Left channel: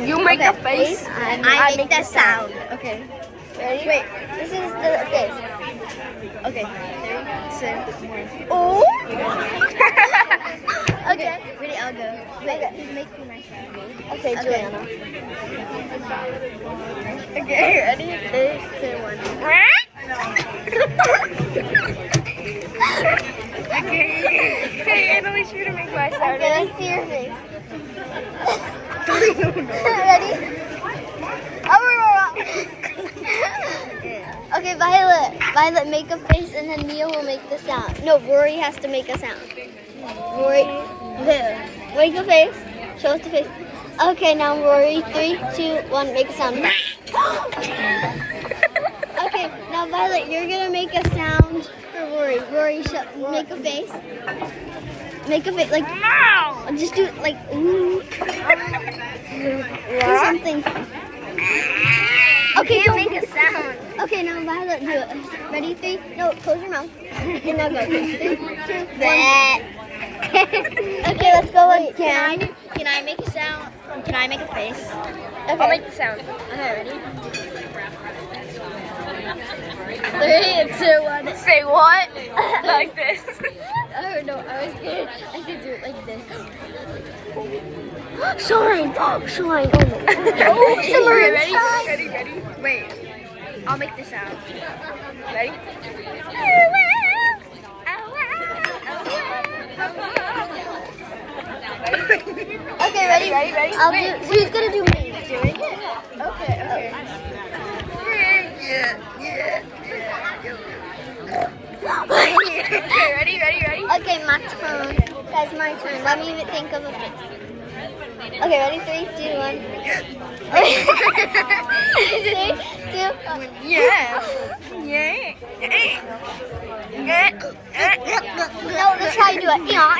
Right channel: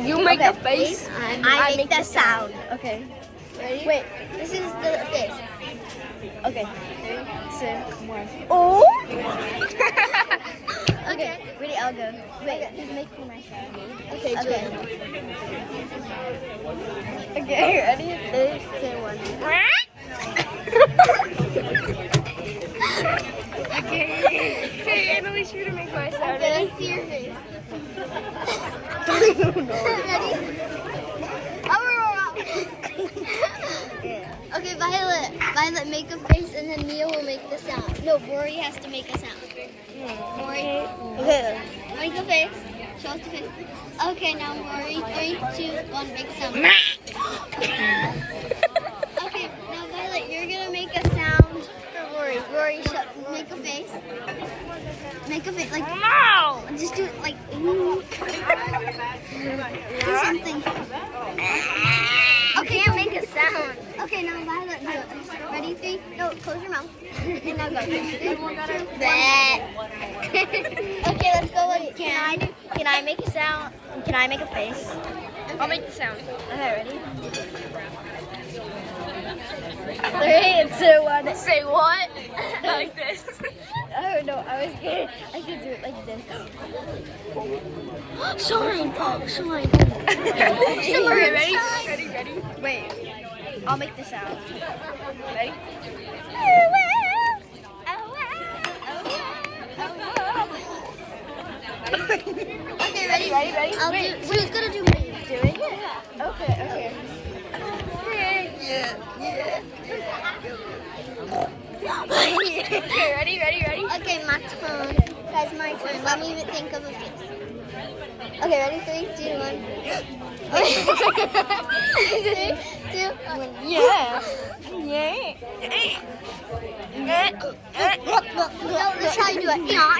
You make Okay, a face. I make the sound. Okay. Ready? Wait, this is the face. Okay. 3, 2, 1. Oh! Okay. Ready? I'll go. Wait, who's making my sound? Okay, Okay. Juliana. Okay, ready? 3, 2, 1. Okay. Hey, Annalise, you're gonna make my sound. Okay, let's see your face. Ready? Okay, Violet. Violet, make a face, and then Mia will make the sound. No, Rory has to make a sound. Rory. Okay, make a face. Show us the face. Okay, now Rory. 3, 2, 1, make a sound. Okay, now Violet, you're gonna make a sound. Rory, make a face. Make a face like. No! Just do it like. Ooh. Do something. Okay, Can't make a sound. Okay, now Violet, do it. Ready? 3. No, close your mouth. And now go. Okay, let's go. Can I make a sound? Can I make a face? Okay. I'll make the sound. Okay, ready? 3, 2, 1. Say what? Like this. Oh no, I should do it like this. Shine! Oh, shine! Oh no. Okay, Summer ready? shine. Ready? Wait. I'll make the sound. Ready? Okay, ready? Ready? I'll do. Who's gonna do me? Okay. Okay, ready? Okay, my turn. That's my turn. Let me think of a face. Okay, ready? 3, 2, 1. 3, 2, 1. Yeah. No, let's try to do it. Yeah.